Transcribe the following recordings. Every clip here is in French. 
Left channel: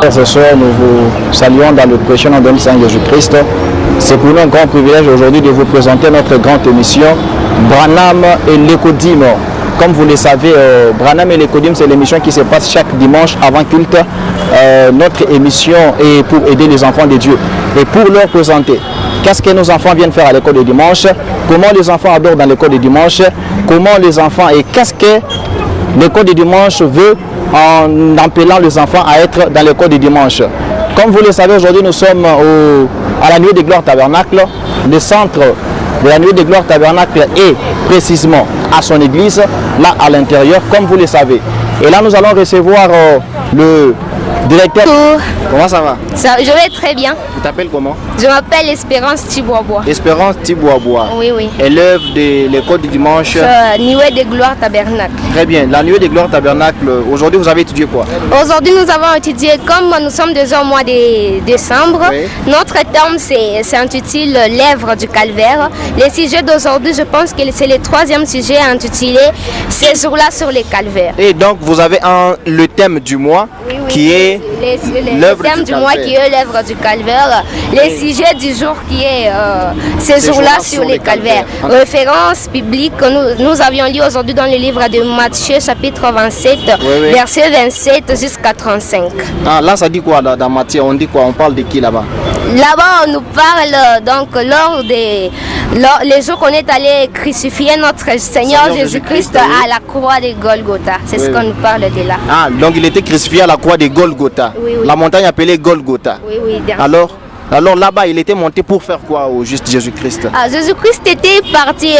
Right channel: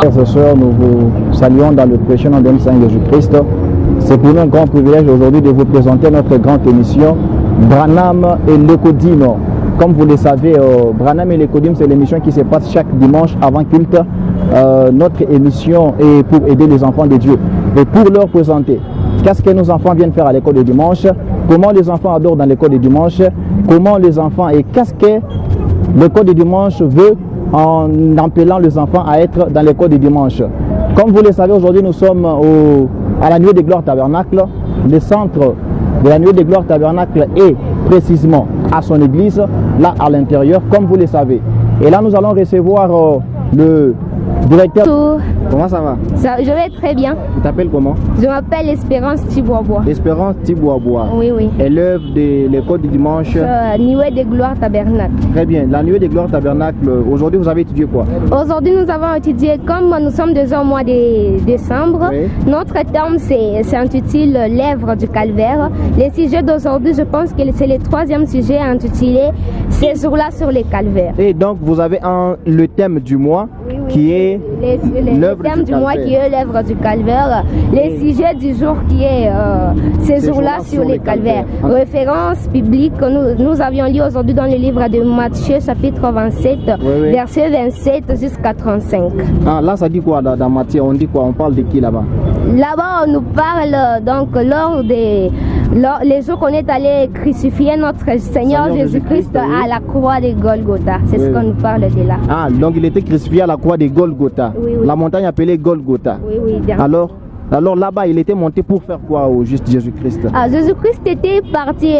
Frères et sœurs, nous vous saluons dans le précieux nom de notre Seigneur Jésus-Christ. C'est pour nous un grand privilège aujourd'hui de vous présenter notre grande émission Branham et l'Écodim. Comme vous le savez, Branham et l'Écodim, c'est l'émission qui se passe chaque dimanche avant culte. Notre émission est pour aider les enfants de Dieu et pour leur présenter qu'est-ce que nos enfants viennent faire à l'école de dimanche, comment les enfants adorent dans l'école de dimanche, comment les enfants et qu'est-ce que l'école de dimanche veut en appelant les enfants à être dans l'école de dimanche. Comme vous le savez, aujourd'hui nous sommes à la Nuit de Gloire Tabernacle. Le centre de la Nuit de Gloire Tabernacle est précisément à son église, là à l'intérieur, comme vous le savez. Et là nous allons recevoir le directeur. Bonjour. Comment ça va? Je vais très bien. Tu t'appelles comment? Je m'appelle Espérance Tibois-Bois. Espérance Tibois-Bois. Oui, oui. Élève de l'école du dimanche. Nuit de Gloire Tabernacle. Très bien. La Nuit de Gloire Tabernacle, aujourd'hui vous avez étudié quoi? Aujourd'hui nous avons étudié, comme nous sommes déjà au mois de décembre, oui. Notre thème s'intitule Lèvres du Calvaire. Le sujet d'aujourd'hui, je pense que c'est le 3e sujet intitulé Ces jours-là sur les calvaires. Et donc vous avez le thème du mois, oui, oui, qui est le thème du mois qui est l'œuvre du calvaire, le sujet du jour qui est ces jours-là sur les calvaires. Référence biblique que nous avions lu aujourd'hui dans le livre de Matthieu chapitre 27, oui. Verset 27 jusqu'à 35. Ah, là ça dit quoi dans Matthieu? On dit quoi? On parle de qui là-bas? Là-bas on nous parle donc les jours qu'on est allé crucifier notre Seigneur Jésus-Christ oui. À la croix de Golgotha. C'est ce qu'on nous parle de là. Ah, donc il était crucifié à la croix de Golgotha. Oui, oui. La montagne appelée Golgotha. Oui, oui. Alors là-bas, il était monté pour faire quoi au juste Jésus-Christ? Jésus-Christ était parti,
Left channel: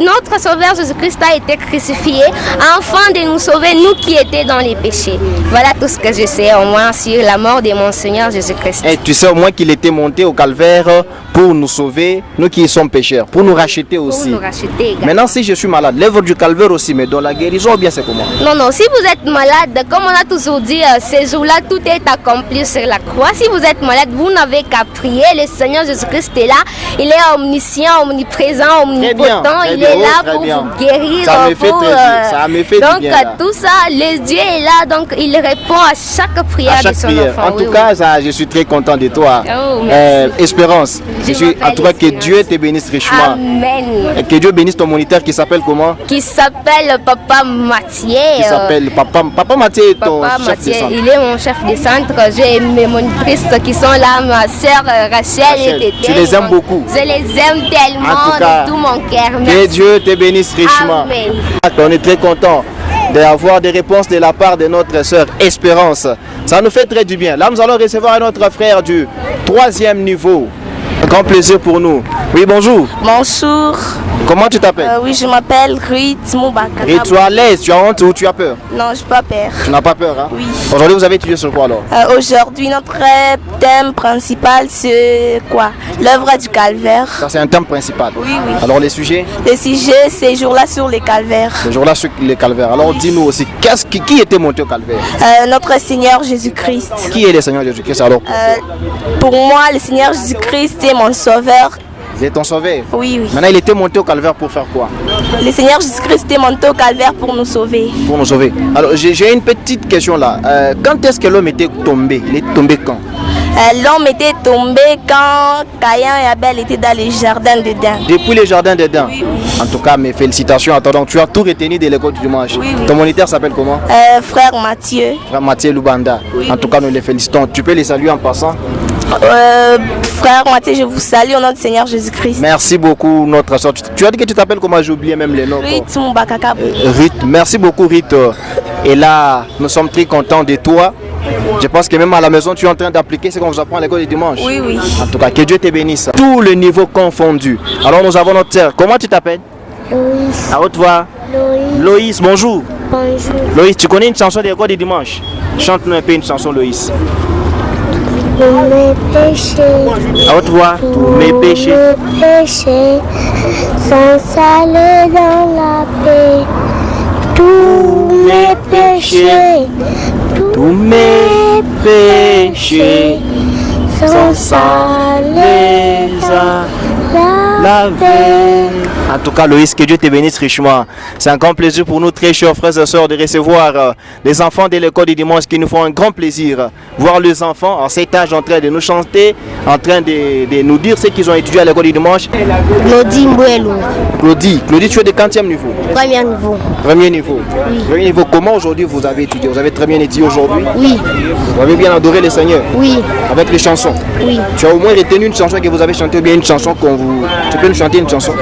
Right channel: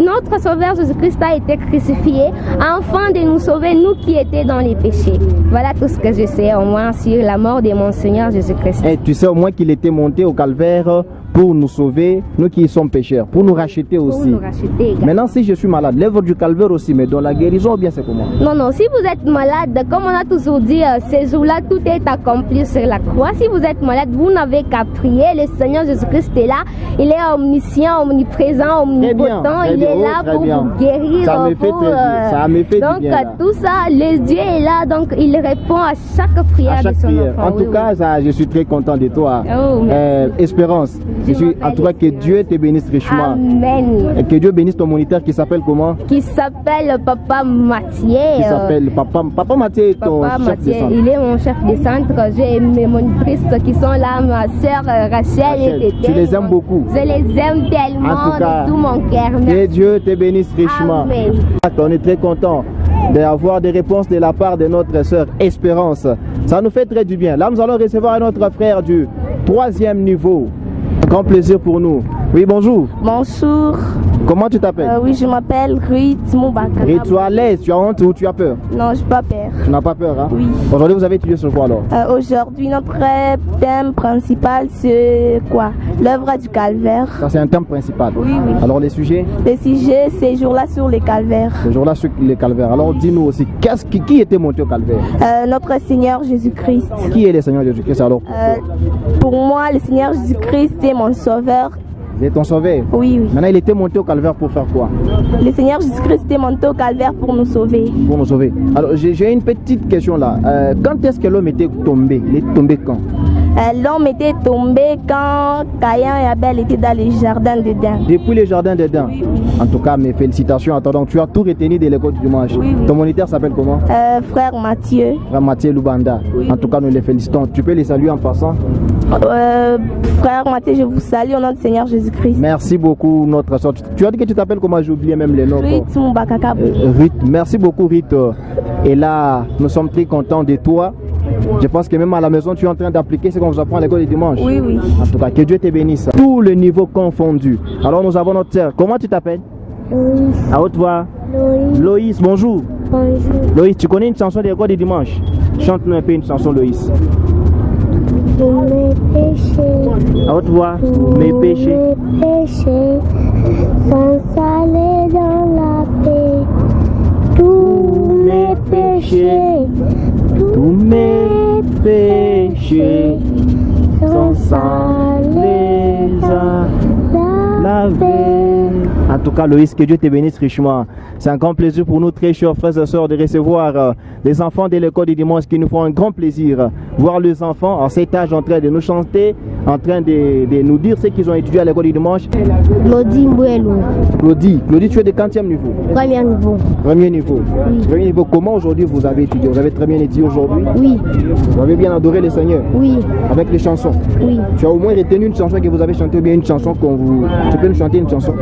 notre Sauveur Jésus-Christ a été crucifié afin de nous sauver, nous qui étions dans les péchés. Voilà tout ce que je sais au moins sur la mort de mon Seigneur Jésus-Christ. Et tu sais au moins qu'il était monté au calvaire pour nous sauver, nous qui sommes pécheurs, pour nous racheter aussi. Pour nous racheter également. Maintenant, si je suis malade, l'œuvre du calvaire aussi, mais dans la guérison, ou bien c'est comment? Non, si vous êtes malade, comme on a toujours dit, ces jours-là, tout est accompli sur la croix. Si vous êtes malade, vous n'avez qu'à prier. Le Seigneur Jésus-Christ est là. Il est omniscient, omniprésent, omnipotent. Il est là pour vous guérir. Ça me fait très bien. Ça me fait donc, bien. Donc, tout ça, le Dieu est là. Donc, il répond à chaque prière de son enfant. En tout cas, ça, je suis très content de toi. Oh, Espérance. En tout cas, que Dieu te bénisse richement. Amen. Et que Dieu bénisse ton moniteur qui s'appelle comment? Qui s'appelle Papa Mathieu. Qui s'appelle Papa Mathieu est ton chef de centre. Il est mon chef de centre. J'ai mes monitrices qui sont là, ma soeur Rachel et Tété. Tu les aimes beaucoup? Je les aime tellement de tout mon cœur. Que Dieu te bénisse richement. Amen. On est très content d'avoir des réponses de la part de notre sœur Espérance. Ça nous fait très du bien. Là, nous allons recevoir notre frère du 3e niveau. Un grand plaisir pour nous. Oui, bonjour. Bonjour. Comment tu t'appelles? Oui, je m'appelle Ruth Moubaka. Et tu es à l'aise, tu as honte ou tu as peur? Non, je n'ai pas peur. Tu n'as pas peur, hein? Oui. Aujourd'hui, vous avez étudié sur quoi alors? Aujourd'hui, notre thème principal, c'est quoi? L'œuvre du calvaire. Ça, c'est un thème principal. Oui, oui. Alors, les sujets? Les sujets, ces jours-là sur les calvaires. Ces jours-là sur les calvaires. Alors, dis-nous aussi, qui était monté au calvaire? Notre Seigneur Jésus-Christ. Qui est le Seigneur Jésus-Christ alors? Pour moi, le Seigneur Jésus-Christ est mon sauveur. Il est ton sauveur? Oui, oui. Maintenant, il était monté au calvaire pour faire quoi? Le Seigneur Jésus-Christ est monté au calvaire pour nous sauver. Pour nous sauver. Alors, j'ai une petite question là. Quand est-ce que l'homme était tombé? Il est tombé quand? L'homme était tombé quand Caïn et Abel étaient dans les jardins d'Éden. Depuis les jardins d'Éden? Oui, oui. En tout cas, mes félicitations. Attends, donc tu as tout retenu de l'école du dimanche. Oui, oui. Ton moniteur s'appelle comment? Frère Mathieu. Frère Mathieu Lubanda. Oui, en tout cas, nous les félicitons. Tu peux les saluer en passant? Frère Mathieu, je vous salue au nom du Seigneur Jésus-Christ. Merci beaucoup, notre soeur. Tu as dit que tu t'appelles comment? J'ai oublié même les noms. Ruth Moubaka. Ruth, merci beaucoup Ruth. Et là, nous sommes très contents de toi. Je pense que même à la maison, tu es en train d'appliquer ce qu'on vous apprend à l'école du dimanche. Oui, oui. En tout cas, que Dieu te bénisse. Tous les niveaux confondus. Alors, nous avons notre sœur. Comment tu t'appelles? Loïs. À haute voix. Loïs. Loïs, bonjour. Bonjour. Loïs, tu connais une chanson de l'école du dimanche? Chante-nous un peu une chanson, Loïs. Tous mes péchés. À haute voix. Tous mes péchés. Tous mes péchés sont salés dans la paix. Tous mes péchés. Tous mes péchés sont salés à laver. En tout cas, Loïs, que Dieu te bénisse richement. C'est un grand plaisir pour nous, très chers frères et sœurs, de recevoir les enfants de l'école du dimanche qui nous font un grand plaisir. Voir les enfants en cet âge en train de nous chanter, en train de nous dire ce qu'ils ont étudié à l'école du dimanche. Claudie Mbouelou. Claudie, tu es de quantième niveau? Premier niveau. Premier niveau. Oui. Premier niveau. Comment aujourd'hui vous avez étudié? Vous avez très bien étudié aujourd'hui? Oui. Vous avez bien adoré le Seigneur? Oui. Avec les chansons? Oui. Tu as au moins retenu une chanson que vous avez chantée ou bien une chanson qu'on vous... Tu peux nous chanter une chanson?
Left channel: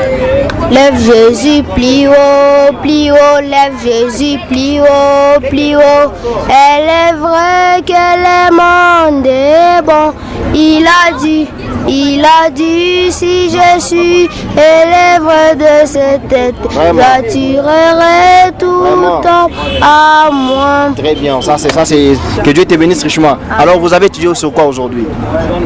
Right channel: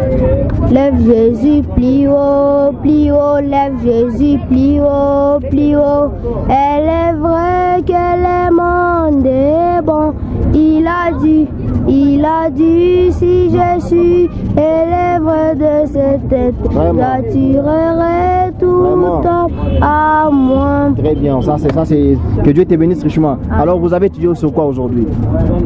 Lève Jésus, plie haut, lève Jésus, plie haut. Elle est vraie que le monde est bon. Il a dit, si je suis élève de cette tête, j'attirerai tout homme à moi. Très bien, ça c'est que Dieu te bénisse richement. Alors vous avez étudié sur quoi aujourd'hui?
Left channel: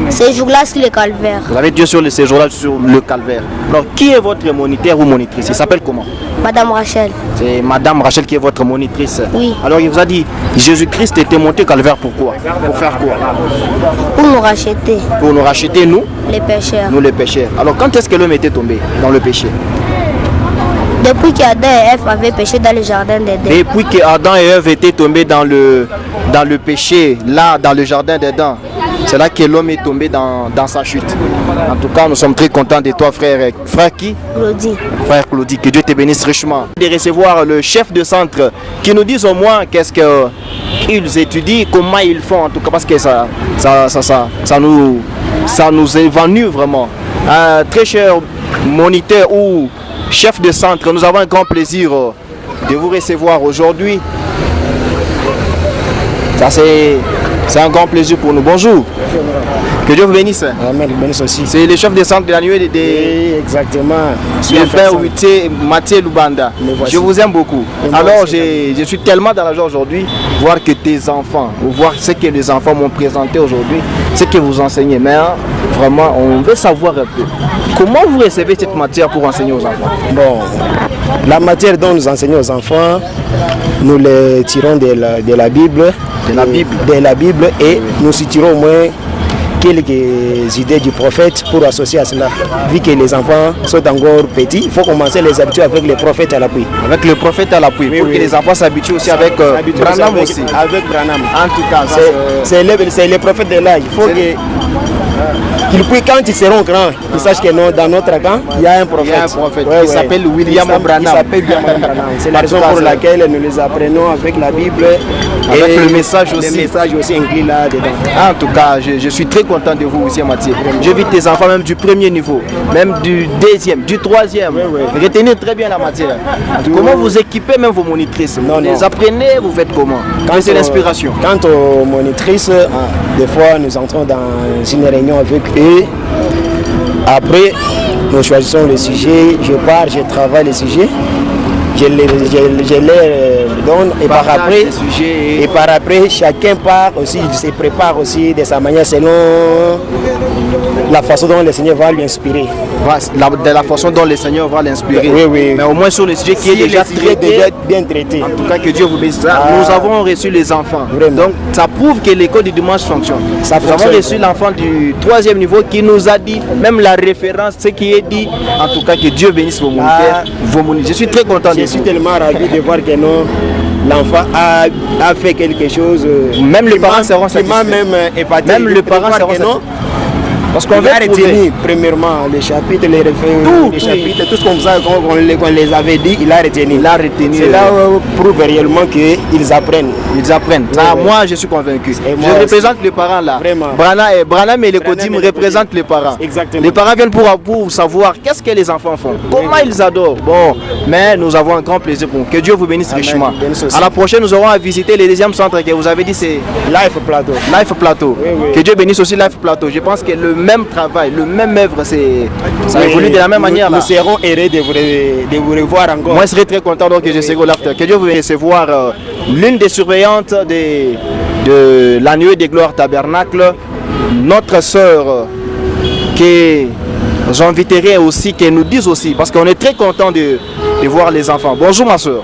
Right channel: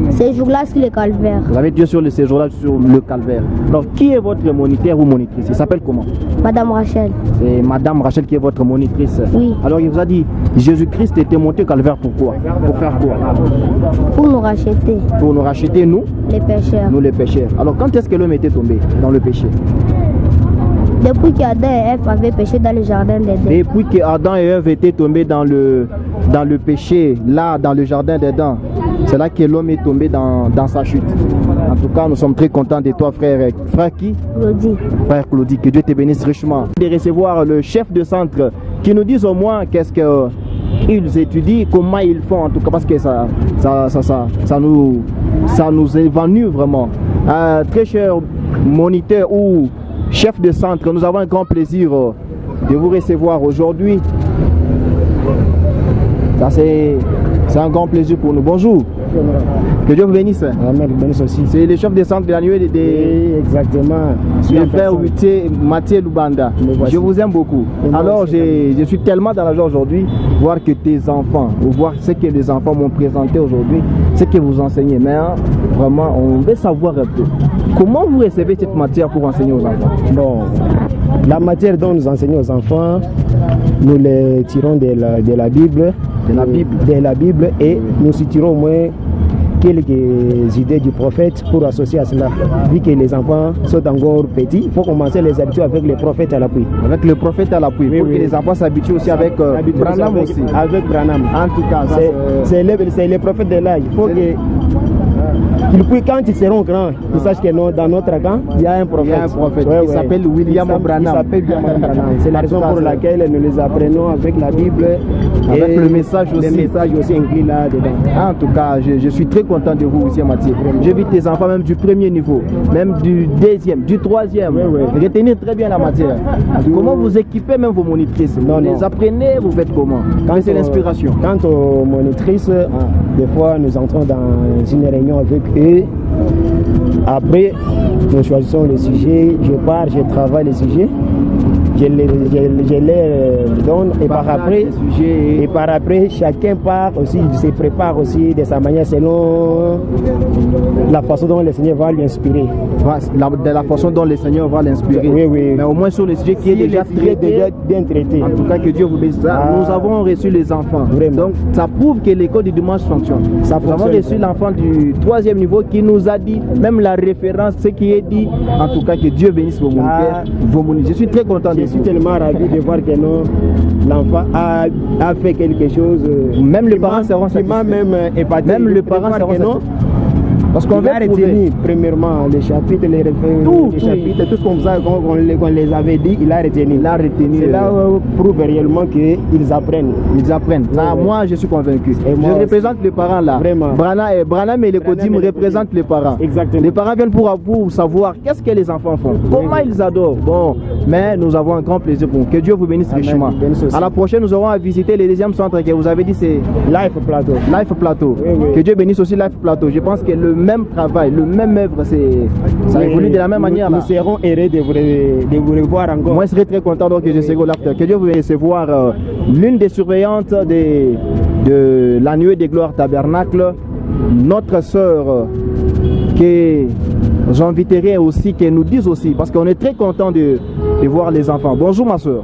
Ces jours-là sur le calvaire. Vous avez étudié sur ces jours-là sur le calvaire. Alors qui est votre moniteur ou monitrice? Il s'appelle comment? Madame Rachel. C'est Madame Rachel qui est votre monitrice. Oui. Alors il vous a dit, Jésus-Christ était monté au calvaire pourquoi? Pour faire quoi? Pour nous racheter. Pour nous racheter, nous? Les pécheurs. Nous les pécheurs. Alors quand est-ce que l'homme était tombé dans le péché? Depuis qu'Adam et Ève avaient péché dans le jardin d'Éden. Depuis qu'Adam et Ève étaient tombés dans le péché, là, dans le jardin d'Éden, c'est là que l'homme est tombé dans sa chute. En tout cas, nous sommes très contents de toi, frère. Frère qui? Claudie. Frère Claudie, que Dieu te bénisse richement. De recevoir le chef de centre qui nous dise au moins qu'est-ce qu'ils étudient, comment ils font, en tout cas, parce que ça nous évanouit vraiment. Très cher moniteur ou chef de centre, nous avons un grand plaisir de vous recevoir aujourd'hui. Ça c'est un grand plaisir pour nous. Bonjour. Que Dieu vous bénisse. Amen, bénisse aussi. C'est le chef de centre de la nuée Oui, exactement. Le frère Mathieu Lubanda. Je vous aime beaucoup. Alors je suis tellement dans la joie aujourd'hui, voir que tes enfants, ou voir ce que les enfants m'ont présenté aujourd'hui, ce que vous enseignez. Mais vraiment, on veut savoir un peu. Comment vous recevez cette matière pour enseigner aux enfants? Bon, la matière dont nous enseignons aux enfants, nous les tirons de la Bible. De la Bible et nous citerons au moins quelques idées du prophète pour associer à cela. Vu que les enfants sont encore petits, il faut commencer à les habituer avec les prophètes à l'appui. Avec le prophète à l'appui, pour que les enfants s'habituent aussi avec Branham aussi. Avec Branham. En tout cas, c'est les prophètes de là. Il faut qu'ils puissent, quand ils seront grands, ils sachent que dans notre camp, il y a un prophète. Qui s'appelle William Branham. C'est la raison pour laquelle nous les apprenons avec la Bible. Avec et le message aussi. Le message aussi inclus là-dedans. En tout cas, je suis très content de vous aussi, Mathieu. Je vis tes enfants même du premier niveau, même du deuxième, du troisième. Retenez très bien la matière. Comment vous équipez même vos monitrices? Vous les apprenez, vous faites comment? C'est l'inspiration. Quant aux monitrices, des fois nous entrons dans une réunion avec eux. Après, nous choisissons le sujet. Je pars, je travaille le sujet. Je les donne et par après chacun part aussi, il se prépare aussi de sa manière selon la façon dont le Seigneur va lui inspirer. De la façon dont le Seigneur va l'inspirer. Oui. Mais au moins sur le sujet qui est déjà bien traité. En tout cas, que Dieu vous bénisse. Nous avons reçu les enfants. Vraiment. Donc ça prouve que l'école du dimanche fonctionne. Nous avons reçu l'enfant du 3e niveau qui nous a dit, même la référence, ce qui est dit. En tout cas, que Dieu bénisse vos moniteurs. Je suis très content de vous. Je suis tellement ravi de voir que l'enfant a fait quelque chose. Même les parents seront satisfaits. Même épaté. Même les parents seront satisfaits. Parce qu'on a retenu premièrement les chapitres, les chapitres, tout ce qu'on les avait dit, il a retenu. Cela prouve réellement qu'ils apprennent. Ils apprennent. Moi, je suis convaincu. Je représente les parents là. Vraiment. Branham et les Kodim représentent les parents. Exactement. Les parents viennent pour savoir qu'est-ce que les enfants font, comment ils adorent. Bon, mais nous avons un grand plaisir pour vous. Que Dieu vous bénisse richement. À la prochaine, nous aurons à visiter les deuxièmes centres que vous avez dit, c'est Life Plateau. Life Plateau. Que Dieu bénisse aussi Life Plateau. Je pense que le même travail, le même œuvre, ça évolue de la même manière. Nous serons heureux de vous revoir encore. Moi, je serai très content donc que je serai au l'after. Que Dieu vous recevoir l'une des surveillantes de la nuée des gloires tabernacle, notre sœur, que j'inviterai aussi, qu'elle nous dise aussi, parce qu'on est très content de voir les enfants. Bonjour ma sœur.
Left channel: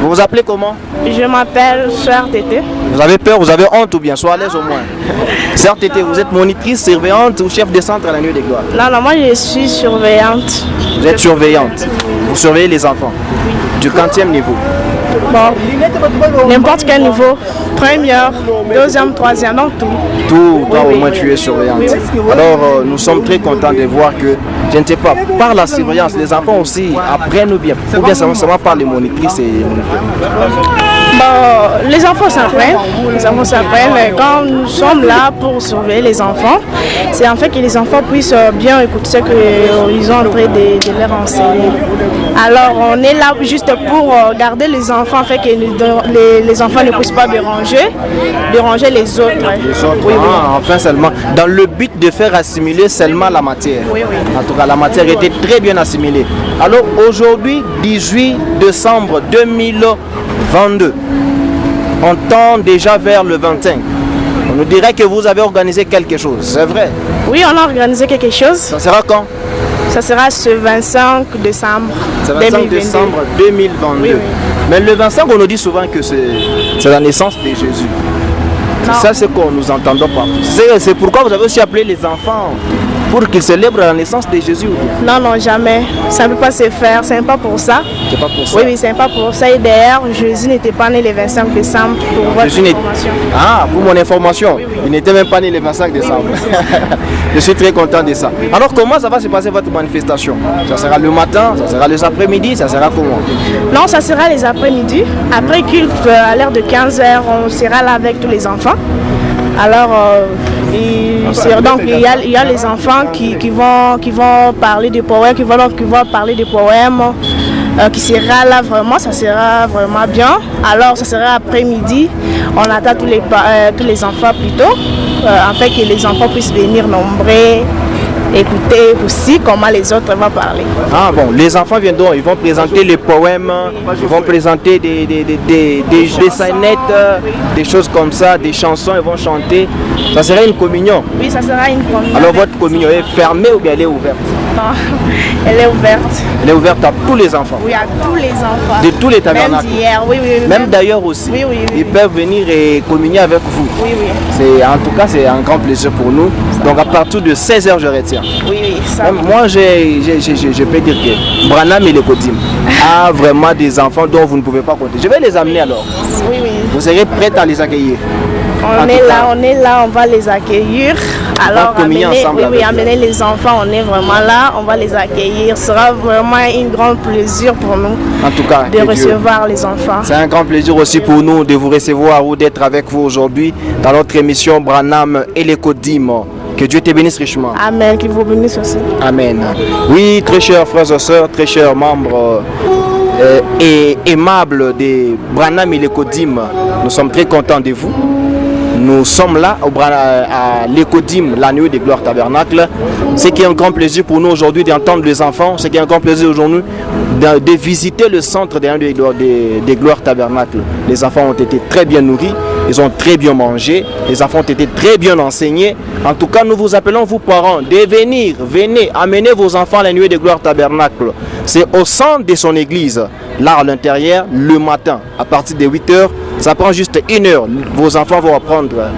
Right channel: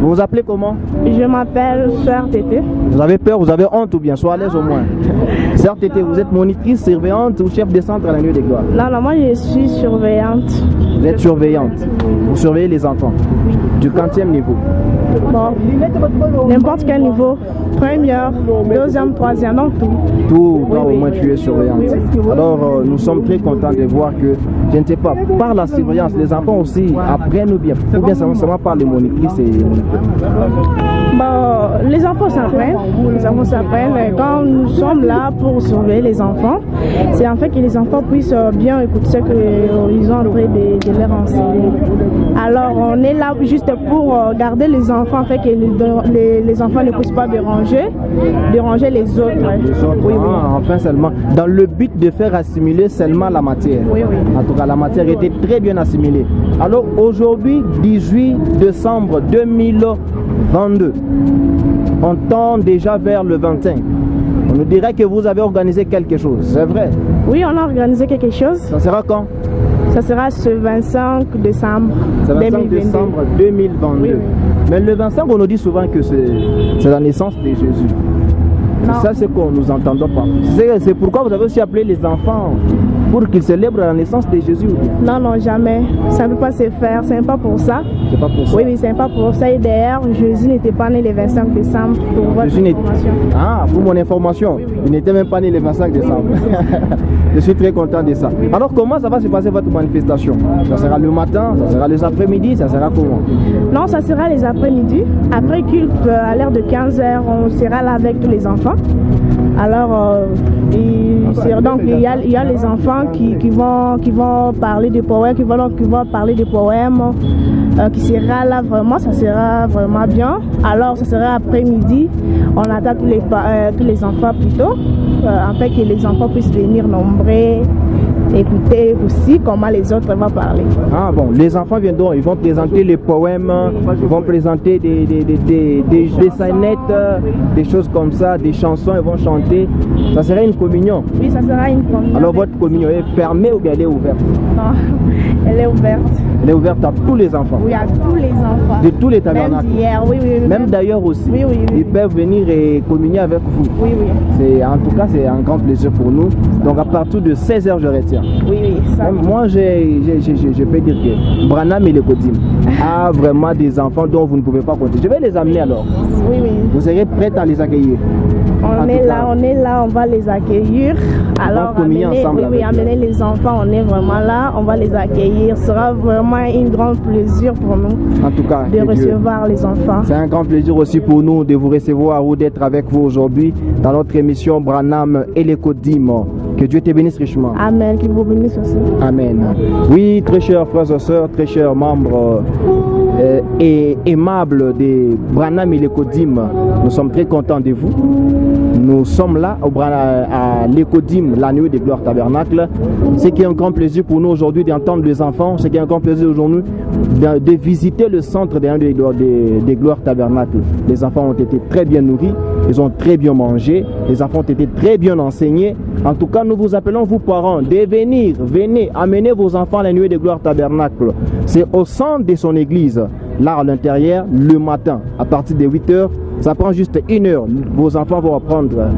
Bonjour. Vous vous appelez comment? Je m'appelle Sœur Tété. Vous avez peur, vous avez honte ou bien? Soyez à l'aise au moins. Sœur Tété, vous êtes monitrice, surveillante ou chef de centre à la Nuit des Gloires? Non, moi je suis surveillante. Vous êtes surveillante. Vous surveillez les enfants. Du 40e niveau. Bon, n'importe quel niveau. Première, deuxième, troisième, donc tout. Tout, toi au moins tu es surveillante. Alors nous sommes très contents de voir que, je ne sais pas, par la surveillance, les enfants aussi apprennent ou bien seulement par les monitrices et Bon, les enfants s'apprennent. Les enfants s'apprennent. Quand nous sommes là pour surveiller les enfants, c'est en fait que les enfants puissent bien écouter ce qu'ils ont en train de leur enseigner. Alors on est là juste pour garder les enfants, afin que les enfants ne puissent pas déranger les autres. Oui, enfin seulement, dans le but de faire assimiler seulement la matière. Oui, oui. En tout cas, la matière était très bien assimilée. Alors aujourd'hui, 18 décembre 2022, on tend déjà vers le 25. On nous dirait que vous avez organisé quelque chose, c'est vrai? Oui, on a organisé quelque chose. Ça sera quand? Ça sera ce 25 décembre 2022. Oui. Mais le 25, on nous dit souvent que c'est la naissance de Jésus. C'est ça ce qu'on nous entendons pas. C'est pourquoi vous avez aussi appelé les enfants pour qu'ils célèbrent la naissance de Jésus. Non, jamais. Ça ne peut pas se faire. C'est pas pour ça. C'est pas pour ça. Oui, c'est pas pour ça. Et d'ailleurs, Jésus n'était pas né le 25 décembre pour votre information. Ah, pour mon information. Oui. Il n'était même pas né le 25 décembre. Je suis très content de ça. Alors, comment ça va se passer votre manifestation? Ça sera le matin, ça sera les après-midi, ça sera comment? Non, ça sera les après-midi. Après culte, à l'heure de 15h, on sera là avec tous les enfants. Alors, donc il y a les enfants qui vont parler des poèmes, qui vont parler des poèmes, qui sera là vraiment, ça sera vraiment bien. Alors, ça sera après-midi. On attend tous les enfants plutôt, afin que les enfants puissent venir nombreux. Écouter aussi comment les autres vont parler. Ah bon, les enfants viendront, ils vont présenter les poèmes, ils vont présenter des scénettes, des choses comme ça, des chansons, ils vont chanter. Ça sera une communion? Oui, ça sera une communion. Alors votre communion est fermée ou bien elle est ouverte? Non, elle est ouverte. Elle est ouverte à tous les enfants? Oui, à tous les enfants. De tous les tabernacles? Même d'hier, oui. Même d'ailleurs aussi? Oui. Ils peuvent venir et communier avec vous? Oui. En tout cas, c'est un grand plaisir pour nous. Donc à partir de 16h, je retiens. Oui, ça. Moi, je peux dire que Branham et l'Ecodim a vraiment des enfants dont vous ne pouvez pas compter. Je vais les amener alors. Oui. Vous serez prête à les accueillir? On est là, on va les accueillir. Alors, amener les enfants, on est vraiment là, on va les accueillir. Ce sera vraiment un grand plaisir pour nous en tout cas, de recevoir les enfants. C'est un grand plaisir aussi pour nous de vous recevoir ou d'être avec vous aujourd'hui dans notre émission Branham et l'Ecodim. Que Dieu te bénisse richement. Amen, qu'il vous bénisse aussi. Amen. Oui, très chers frères et sœurs, très chers membres et aimables de Branham et l'Ecodim, nous sommes très contents de vous. Nous sommes là à l'Ecodim, la nuit des gloires tabernacle. Ce qui est un grand plaisir pour nous aujourd'hui d'entendre les enfants. Ce qui est un grand plaisir aujourd'hui de visiter le centre des gloires tabernacle. Les enfants ont été très bien nourris, ils ont très bien mangé, les enfants ont été très bien enseignés. En tout cas, nous vous appelons, vous parents, de venir, venez, amenez vos enfants à la nuit des gloires tabernacle. C'est au centre de son église, là à l'intérieur, le matin, à partir de 8h. Ça prend juste 1 heure. Vos enfants vont apprendre,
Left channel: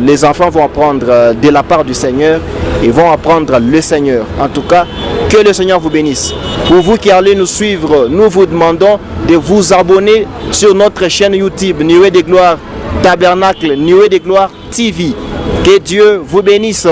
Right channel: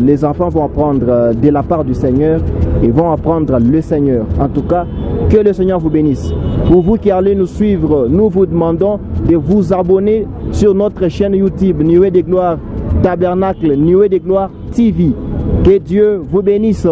les enfants vont apprendre de la part du Seigneur et vont apprendre le Seigneur. En tout cas, que le Seigneur vous bénisse. Pour vous qui allez nous suivre, nous vous demandons de vous abonner sur notre chaîne YouTube Nuée des Gloires Tabernacle, Nuée des Gloires TV. Que Dieu vous bénisse.